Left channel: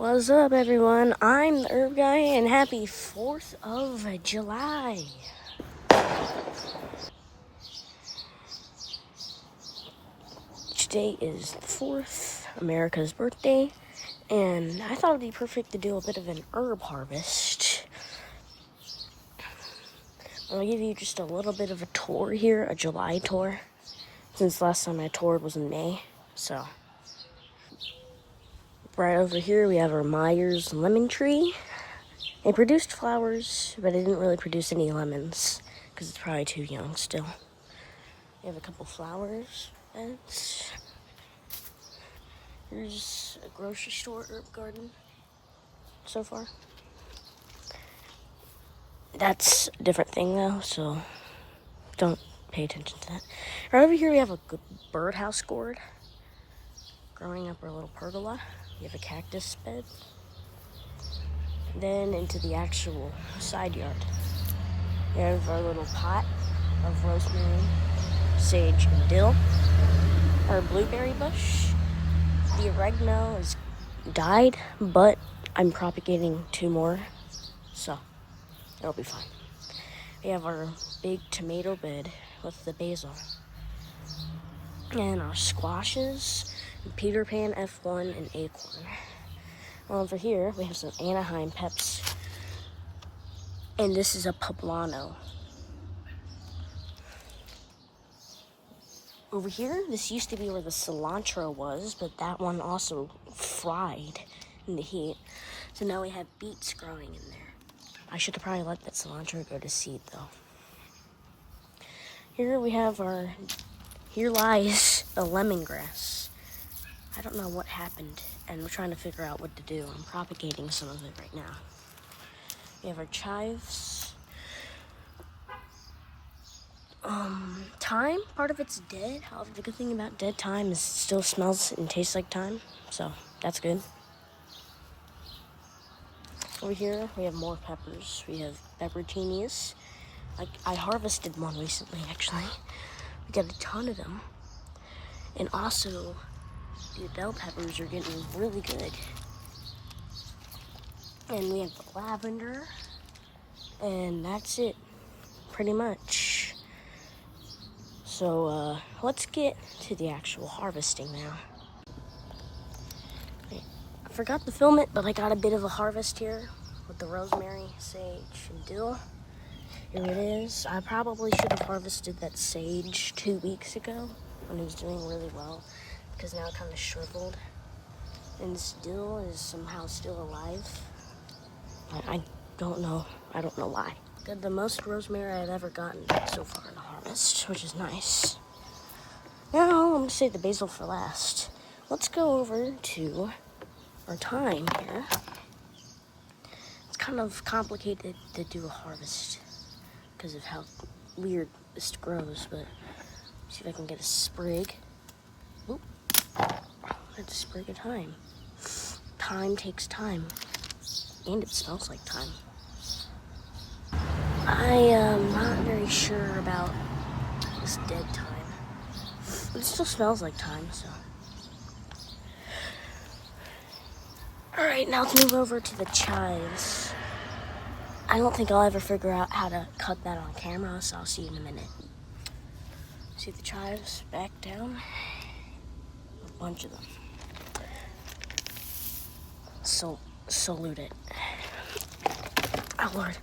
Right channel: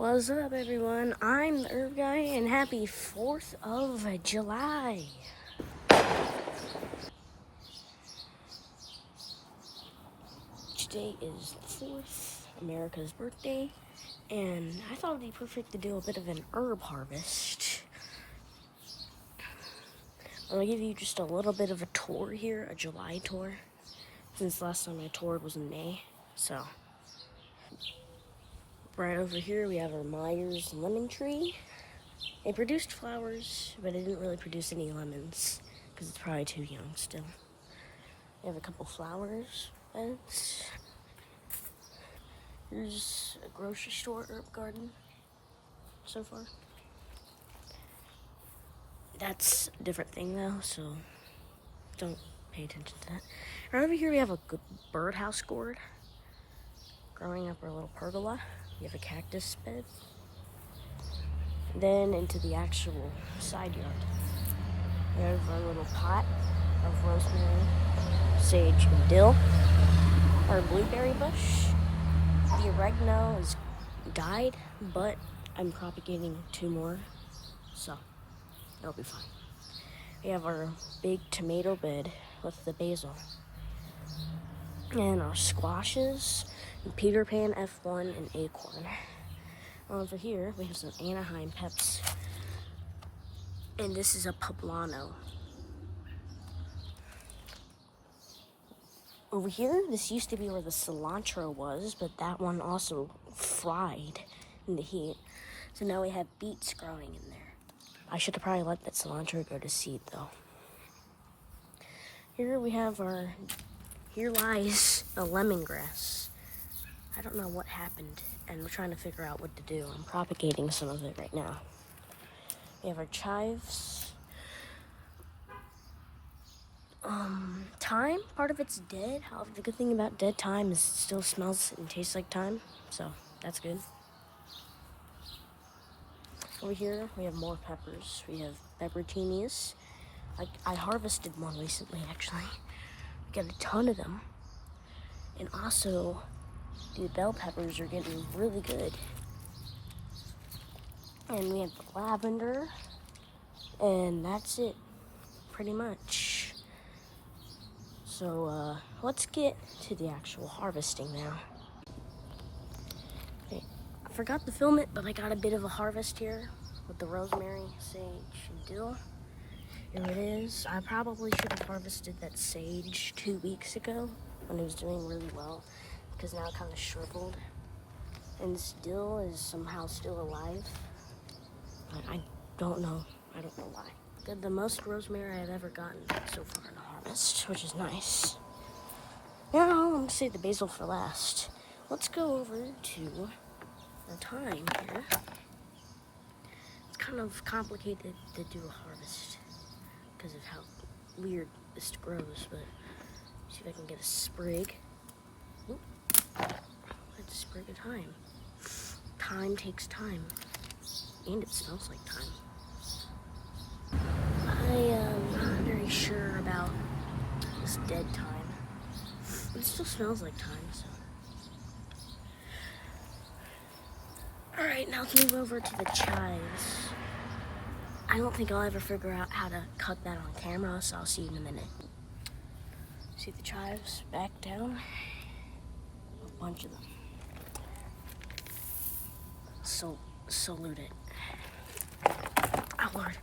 What's up, everyone? I'm the Herb Guy, and happy 4th of July. Today is the 4th, America's birthday, and I thought it'd be perfect to do a bit of an herb harvest. I'm gonna give you just a little bit of a tour here, a July tour, since last time I toured was in May. So, right over here we have our Myers lemon tree. It produced flowers, but it didn't really produce any lemons because it's probably too young still. We have a couple flowers beds. Here's a grocery store herb garden so far. That's a different thing though, so don't pay attention to that. Right over here we have a good birdhouse gourd growing up our little pergola. We have a cactus bed. Then into the actual side yard, we have our little pot of rosemary, sage, and dill. Our blueberry bush. The oregano is died, but I'm propagating 2 more, so it'll be fine. We have our big tomato bed with the basil. And our squashes, Peter Pan, F1, and acorn. Over here, we have some Anaheim peps. And this is a poblano. Over here, this used to be where the cilantro was, but that one also fried in the heat. So now we have beets growing in there. I should have probably let that cilantro go to seed though. Here we have here lies the lemongrass. I don't know what happened, and we're trying to figure out what to do. I'm propagating some of it right now. We have our chives. Thyme, part of it's dead. However, the good thing about dead thyme is it still smells and tastes like thyme, so that's good. Over here, we have more peppers. We have pepperoncinis. I harvested one recently, actually. We got a ton of them. And also, the bell peppers are getting really good. And we have the lavender. And that's it, pretty much. So, let's get to the actual harvesting now. Okay. I forgot to film it, but I got a bit of a harvest here with the rosemary, sage, and dill. Here it is. I probably should have harvested that sage 2 weeks ago when it was doing really well, because now it kind of shriveled. And this dill is somehow still alive. I don't know. I don't know why. Got the most rosemary I've ever gotten so far in the harvest, which is nice. Now I'm gonna save the basil for last. Let's go over to our thyme here. It's kind of complicated to do a harvest because of how weird this grows, but see if I can get a sprig. Oop. It's a sprig of thyme. Thyme takes time, and it smells like thyme. I am not very sure about this dead thyme. It still smells like thyme, so. Alright, now let's move over to the chives. I don't think I'll ever figure out how to cut that on camera, so I'll see you in a minute. See the chives back down? A bunch of them. So, salute it. Oh, Lord.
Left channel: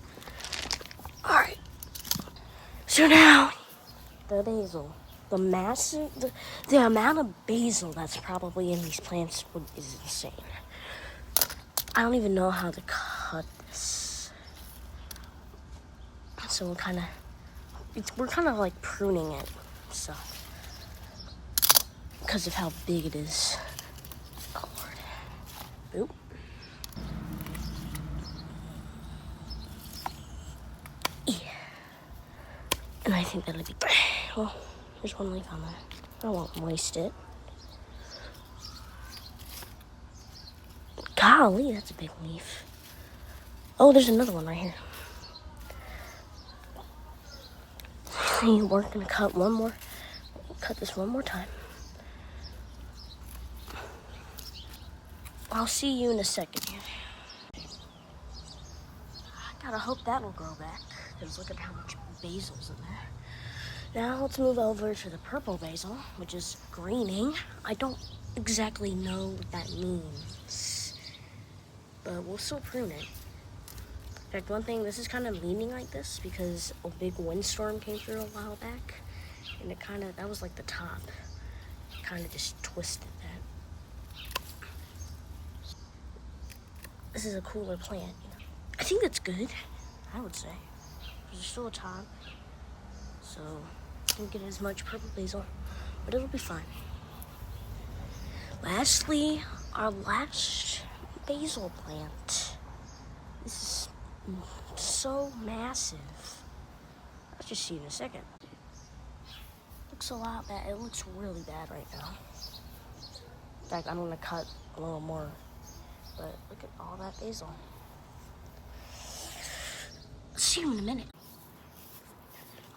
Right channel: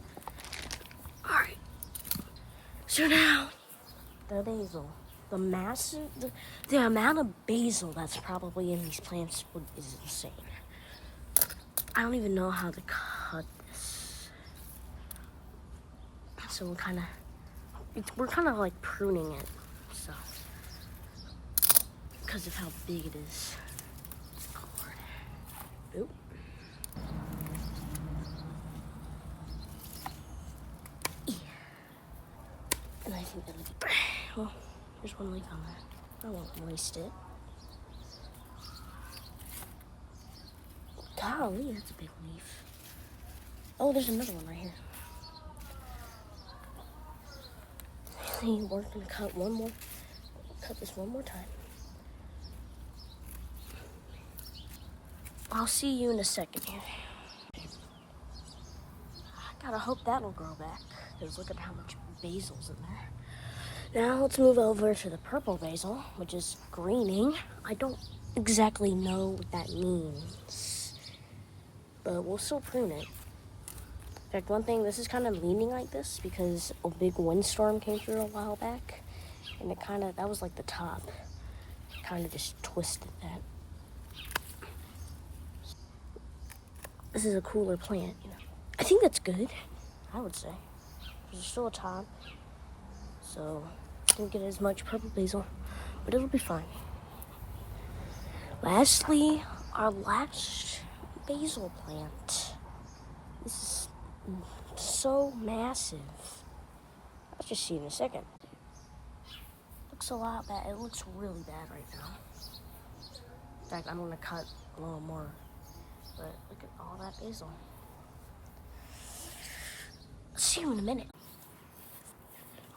Alright. So now, the basil. The amount of basil that's probably in these plants is insane. I don't even know how to cut this. So we're kind of like pruning it, so, because of how big it is. Oh, Lord. Oop. Yeah. And I think that'll be, well, there's one leaf on there. I won't waste it. Golly, that's a big leaf. Oh, there's another one right here. We're gonna cut this one more time. I'll see you in a second here. I gotta hope that'll grow back, because look at how much basil's in there. Now let's move over to the purple basil, which is greening. I don't exactly know what that means, but we'll still prune it. In fact, one thing, this is kind of leaning like this because a big windstorm came through a while back, and it kind of, that was like the top, kind of just twisted that. This is a cooler plant. I think that's good, I would say. There's still a top, so don't get as much purple basil, but it'll be fine. Lastly, our last basil plant. This is so massive. I'll just see in a second. Looks a lot bad. It looks really bad right now. In fact, I'm gonna cut a little more, but look at all that basil. I'll see you in a minute.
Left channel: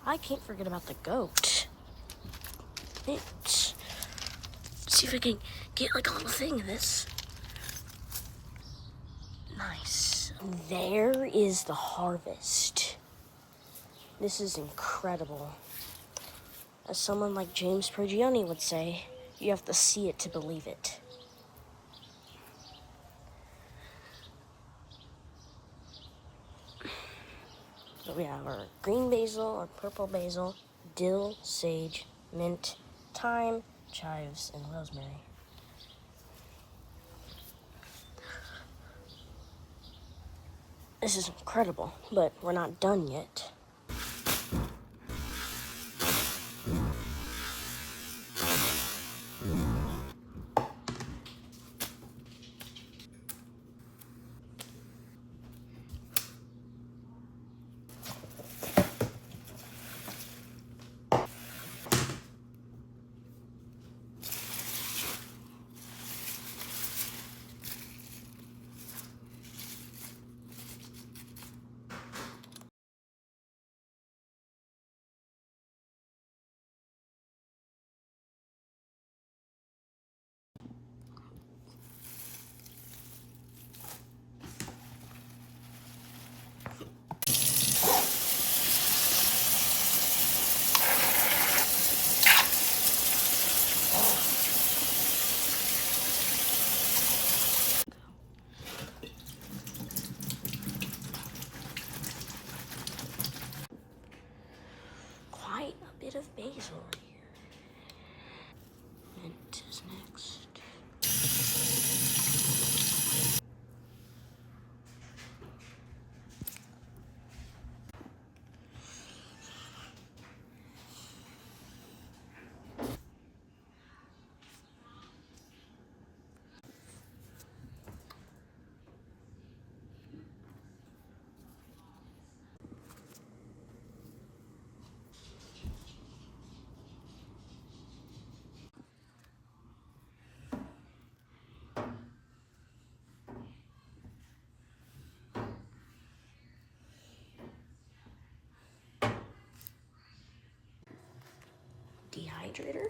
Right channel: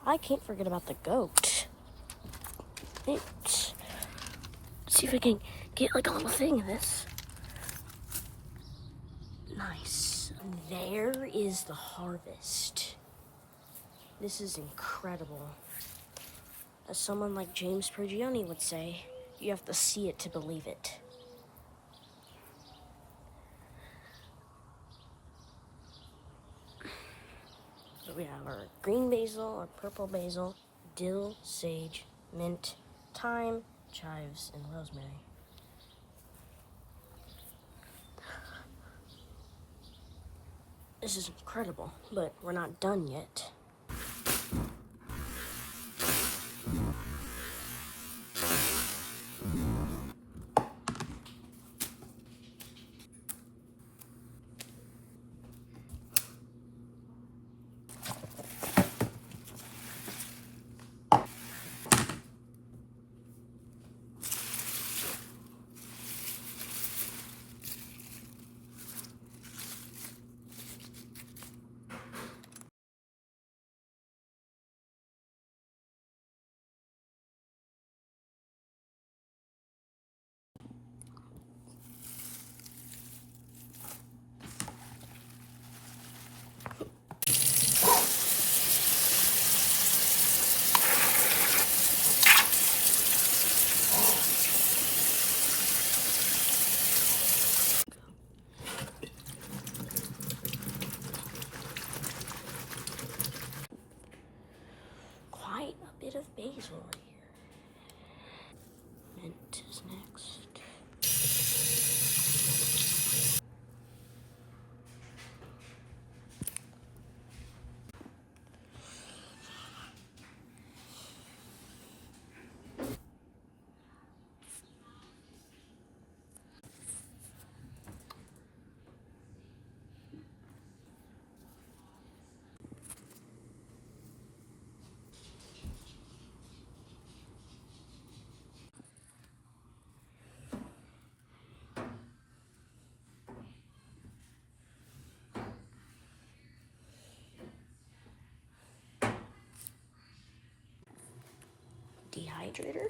I can't forget about the goat. Let's see if I can get like a little thing of this. Nice. There is the harvest. This is incredible. As someone like James Prigioni would say, you have to see it to believe it. So we have our green basil, our purple basil, dill, sage, mint, thyme, chives, and rosemary. This is incredible, but we're not done yet. Quite a bit of basil here. Mint is next. Dehydrator.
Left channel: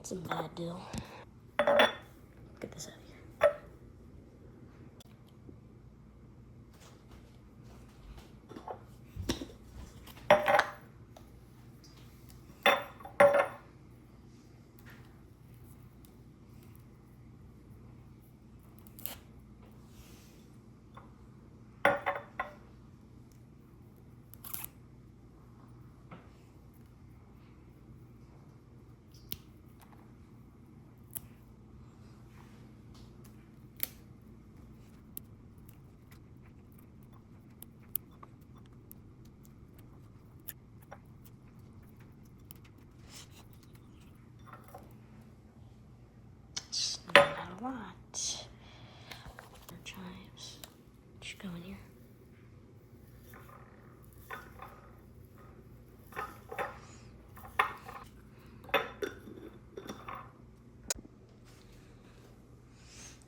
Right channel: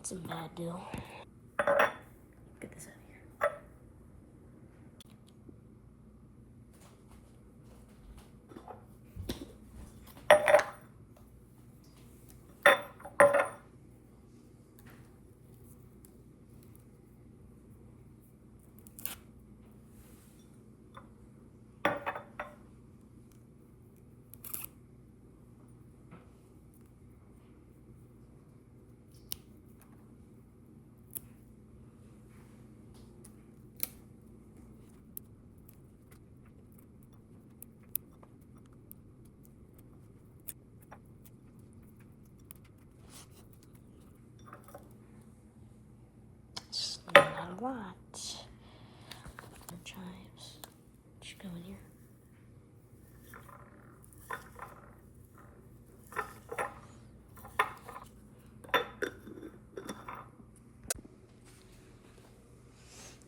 It's a bad deal. Get this out of here. It's not a lot. chives. Just go in here.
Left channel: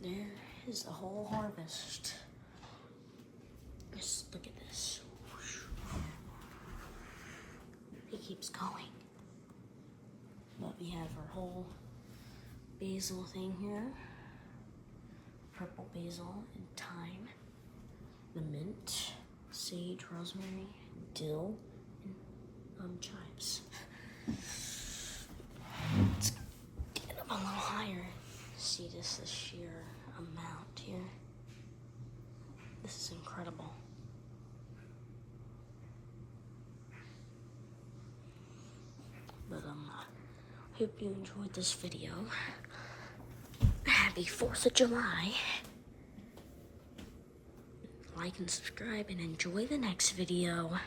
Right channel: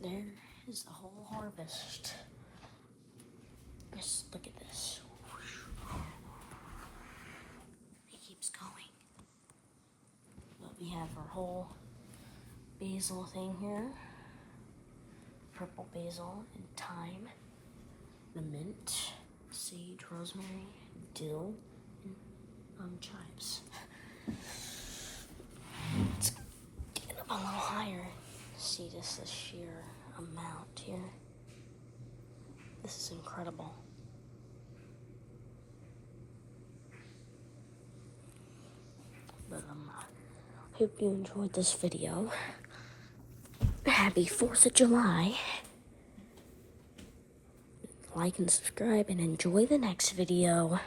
There is the whole harvest. Just look at this. It keeps going. But we have our whole basil thing here. Purple basil and thyme. The mint, sage, rosemary, dill, and chives. Let's get up a little higher. See this sheer amount here. This is incredible. But hope you enjoyed this video. Happy 4th of July. Like and subscribe and enjoy the next video.